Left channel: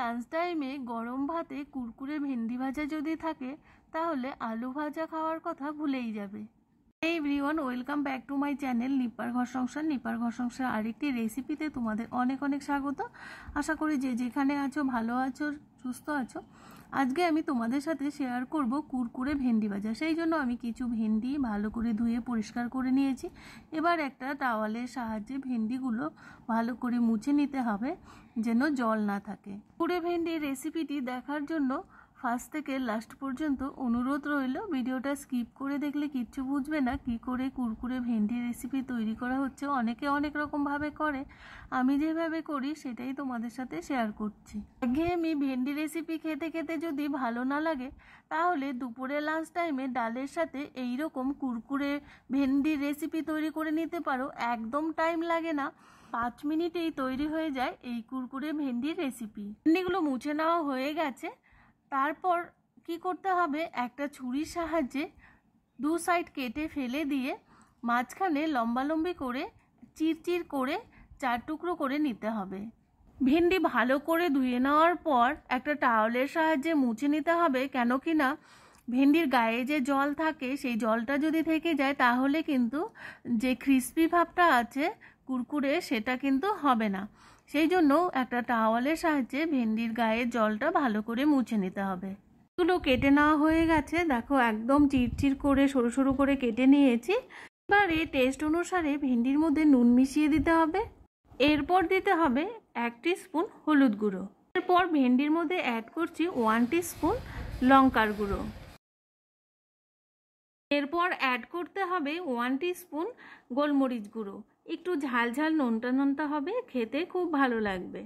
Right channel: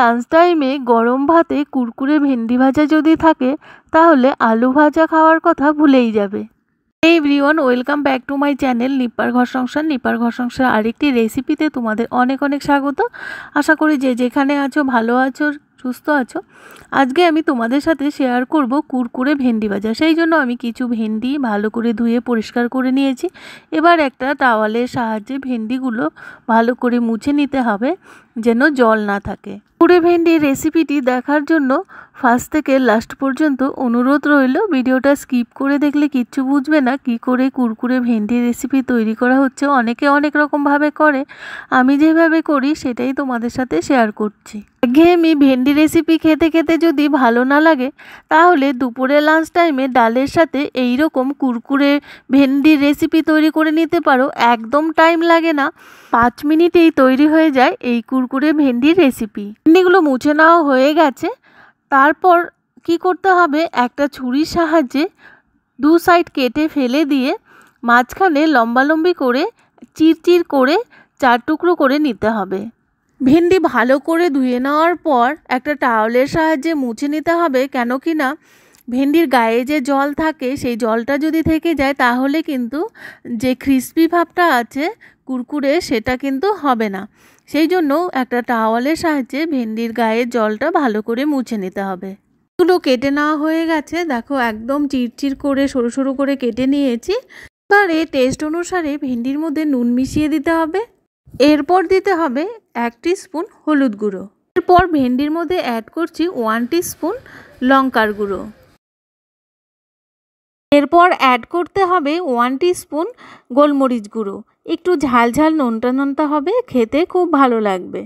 Lunch টাইমে গরম ভাতে কুরকুরে ভেন্ডি ভাজা যদি থাকে তাহলে আলু ভাজা খাওয়ার কথা ভুলেই যাবে। এই everyone, welcome back to my channel নিপার ঘর সংসার। নিপার ঘর সংসার আরেকটি রেসিপিতে তোমাদের অনেক অনেক স্বাগত। আশা করি যে যেখানে আছো ভালো আছো, সুস্থ আছো। আজকে আমি তোমাদের সাথে শেয়ার করব কুরকুরে ভেন্ডি ভাজা। সেই জন্য আমি কিছু ভেন্ডি ভালো করে ধুয়ে পরিষ্কার করে নিয়েছি। এবার একটা টাওয়ালের সাহায্যে ভেন্ডিগুলো ভালো করে মুছে নিতে হবে যেন জল না থাকে। কুরকুরে ভেন্ডির রেসিপিটি দেখার জন্য ফার্স্ট থেকে লাস্ট পর্যন্ত অনুরোধ রইল। ভিডিওটা স্কিপ করে দেখলে কিচ্ছু বুঝবে না কি করে কুরকুরে ভেন্ডির রেসিপি তৈরি করা হচ্ছে। অনেকে অনেক রকমভাবে করে, আমি যেভাবে করি সেটাই তোমাদের সাথে শেয়ার করছি। একঘেয়েমি ভেন্ডি রেসিপি খেতে খেতে যদি ভালো না লাগে তাহলে দুপুরে লাঞ্চ টাইমে ডালের সাথে এই রকম কুরকুরে ভেন্ডির রেসিপি তৈরি করে নিতে পারো। একদম টাইম লাগে না, 5 মিনিটেই তৈরি হয়ে যায় এই কুরকুরে ভেন্ডির রেসিপি। ভেন্ডিগুলো মুছে নেওয়া হয়ে গেছে। তারপর কি করতে হবে, একটা ছুরির সাহায্যে দু সাইড কেটে ফেলে দিয়ে মাঝখানে লম্বালম্বি করে চিরচির করে 4 টুকরো করে নিতে হবে। ভেন্ডি ভালো করে ধুয়ে নেওয়ার পর একটা টাওয়ালের সাহায্যে মুছে নিতে হবে, কেন কি না ভেন্ডির গায়ে যে জল থাকে সেই জলটা যদি থেকে যায় তাহলে কিন্তু যে ক্রিস্পি ভাবটা আছে কুরকুরে সেটা কিন্তু হবে না। সেই জন্য একটা টাওয়ালের সাহায্যে ভেন্ডির গায়ের জলটা ভালো করে মুছে নিতে হবে। এগুলো কেটে নেওয়া হয়ে গেছে, দেখো একদম চিরচির করে সরু সরু করে কেটে নিয়েছি। এবারে টেস্ট অনুসারে ভেন্ডির মধ্যে নুন মিশিয়ে দিতে হবে। এরপর দিতে হবে 1 টিস্পুন হলুদ গুঁড়ো। এরপর ভেন্ডির মধ্যে অ্যাড করছি 1 টিস্পুন লঙ্কার গুঁড়ো। এরপর অ্যাড করতে হবে 1 টিস্পুন গোলমরিচ গুঁড়ো। একটু ঝাল ঝাল নোনতা নোনতা হবে, খেতে খুব ভালো লাগবে।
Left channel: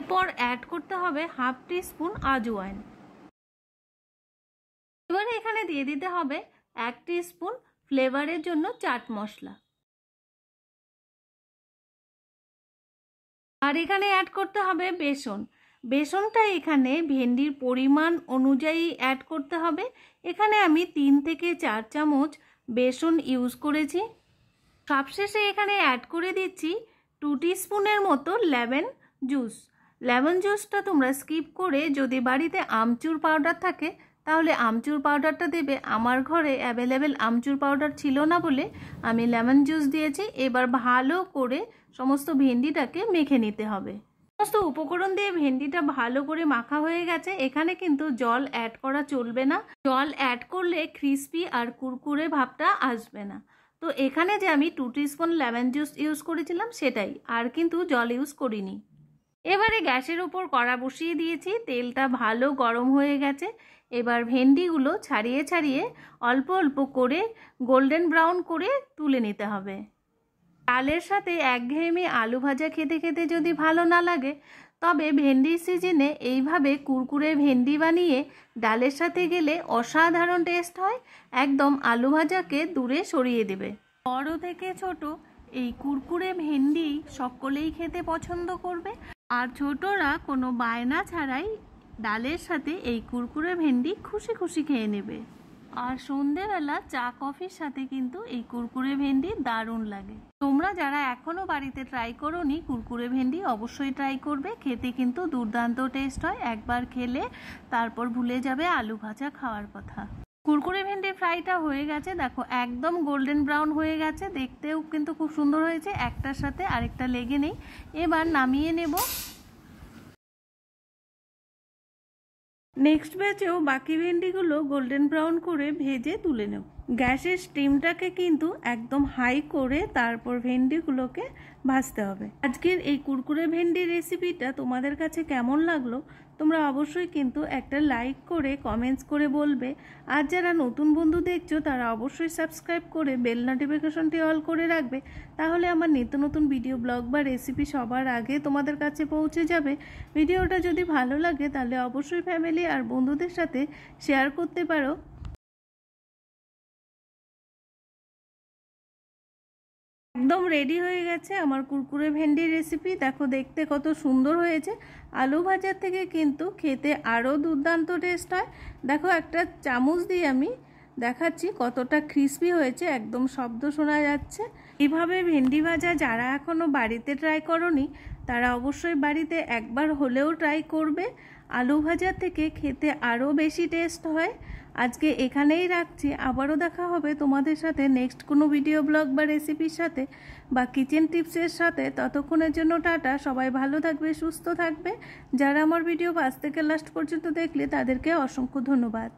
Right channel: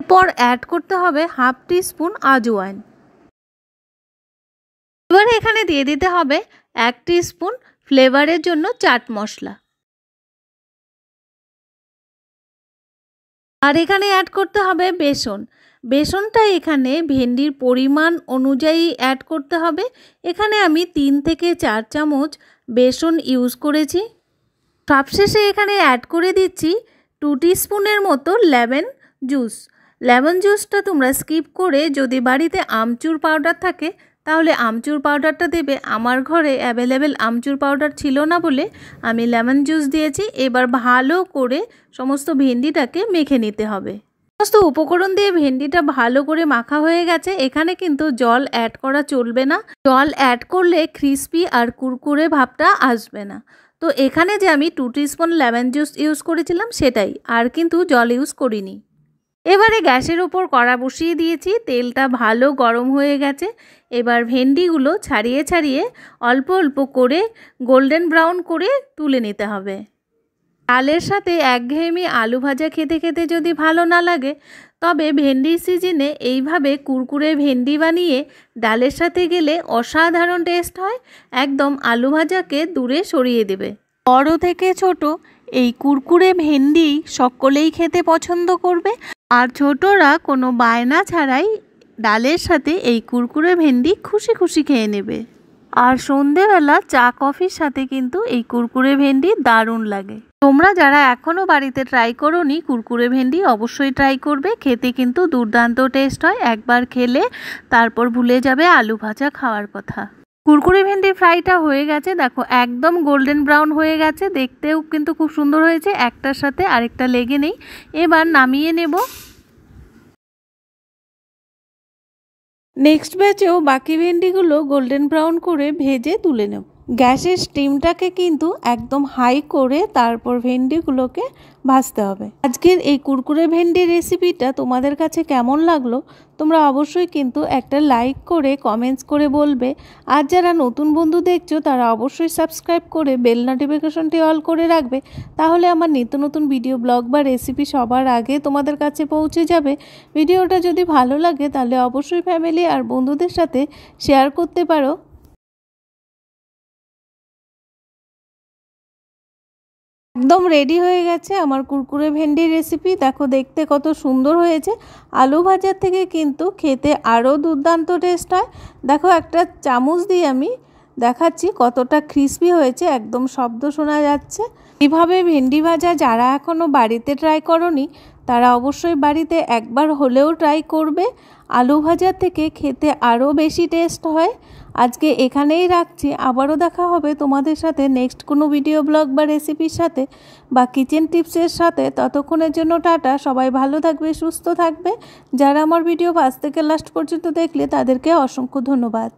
এরপর অ্যাড করতে হবে 1/2 টিস্পুন আজওয়াইন। এবার এখানে দিয়ে দিতে হবে 1 টিস্পুন ফ্লেভারের জন্য চাট মশলা। আর এখানে অ্যাড করতে হবে বেসন। বেসনটা এখানে ভেন্ডির পরিমাণ অনুযায়ী অ্যাড করতে হবে। এখানে আমি 3 থেকে 4 চামচ বেসন ইউজ করেছি। সবশেষে এখানে অ্যাড করে দিচ্ছি 2 টিস্পুনের মতো লেমন জুস। লেমন জুসটা তোমরা স্কিপ করে যদি বাড়িতে আমচুর পাউডার থাকে তাহলে আমচুর পাউডারটা দেবে। আমার ঘরে অ্যাভেলেবেল আমচুর পাউডার ছিল না বলে আমি লেমন জুস দিয়েছি। এবার ভালো করে সমস্ত ভেন্ডিটাকে মেখে নিতে হবে। সমস্ত উপকরণ দিয়ে ভেন্ডিটা ভালো করে মাখা হয়ে গেছে। এখানে কিন্তু জল অ্যাড করা চলবে না, জল অ্যাড করলে ক্রিস্পি আর কুরকুরে ভাবটা আসবে না। তো এখানে যে আমি 2 টিস্পুন লেমন জুস ইউজ করেছিলাম সেটাই, আর কিন্তু জল ইউজ করিনি। এবারে গ্যাসের ওপর কড়া বসিয়ে দিয়েছি, তেলটা ভালো গরম হয়ে গেছে। এবার ভেন্ডিগুলো ছাড়িয়ে ছাড়িয়ে অল্প অল্প করে গোল্ডেন ব্রাউন করে তুলে নিতে হবে। ডালের সাথে একঘেয়েমি আলু ভাজা খেতে খেতে যদি ভালো না লাগে তবে ভেন্ডির সিজনে এইভাবে কুরকুরে ভেন্ডি বানিয়ে ডালের সাথে গেলে অসাধারণ টেস্ট হয়, একদম আলু ভাজাকে দূরে সরিয়ে দেবে। বড় থেকে ছোট এই কুরকুরে ভেন্ডি সকলেই খেতে পছন্দ করবে, আর ছোটরা কোনো বায়না ছাড়াই ডালের সাথে এই কুরকুরে ভেন্ডি খুশি খুশি খেয়ে নেবে। আর সন্ধেবেলা চা কফির সাথে কিন্তু এই কুরকুরে ভেন্ডি দারুণ লাগে। তোমরা যারা এখনও বাড়িতে ট্রাই করোনি কুরকুরে ভেন্ডি অবশ্যই ট্রাই করবে, খেতে কিন্তু দুর্দান্ত টেস্ট হয়। একবার খেলে তারপর ভুলে যাবে আলু ভাজা খাওয়ার কথা। কুরকুরে ভেন্ডির ফ্রাইটা হয়ে গেছে, দেখো একদম গোল্ডেন ব্রাউন হয়ে গেছে, দেখতেও কিন্তু খুব সুন্দর হয়েছে, একটার সাথে আরেকটা লেগে নেই। এবার নামিয়ে নেব। নেক্সট ব্যাচেও বাকি ভেন্ডিগুলো গোল্ডেন ব্রাউন করে ভেজে তুলে নেব। গ্যাসের স্টিমটাকে কিন্তু একদম হাই করে তারপর ভেন্ডিগুলোকে ভাজতে হবে। আজকের এই কুরকুরে ভেন্ডির রেসিপিটা তোমাদের কাছে কেমন লাগলো তোমরা অবশ্যই কিন্তু একটা লাইক করে কমেন্টস করে বলবে। আর যারা নতুন বন্ধু দেখছো তারা অবশ্যই সাবস্ক্রাইব করে বেল নোটিফিকেশনটি অল করে রাখবে, তাহলে আমার নিত্য নতুন ভিডিও ব্লগ বা রেসিপি সবার আগে তোমাদের কাছে পৌঁছে যাবে। ভিডিওটা যদি ভালো লাগে তাহলে অবশ্যই ফ্যামিলি আর বন্ধুদের সাথে শেয়ার করতে পারো। একদম রেডি হয়ে গেছে আমার কুরকুরে ভেন্ডির রেসিপি। দেখো দেখতে কত সুন্দর হয়েছে, আলু ভাজার থেকে কিন্তু খেতে আরও দুর্দান্ত টেস্ট হয়। দেখো একটা চামচ দিয়ে আমি দেখাচ্ছি কতটা ক্রিস্পি হয়েছে, একদম শব্দ শোনা যাচ্ছে। এইভাবে ভেন্ডি ভাজা যারা এখনও বাড়িতে ট্রাই করনি তারা অবশ্যই বাড়িতে একবার হলেও ট্রাই করবে। আলু ভাজার থেকে খেতে আরও বেশি টেস্ট হয়। আজকে এখানেই রাখছি, আবারও দেখা হবে তোমাদের সাথে নেক্সট কোনো ভিডিও ব্লগ বা রেসিপির সাথে বা কিচেন টিপসের সাথে। ততক্ষণের জন্য টাটা, সবাই ভালো থাকবে, সুস্থ থাকবে। যারা আমার ভিডিও ফার্স্ট থেকে লাস্ট পর্যন্ত দেখলে তাদেরকে অসংখ্য ধন্যবাদ।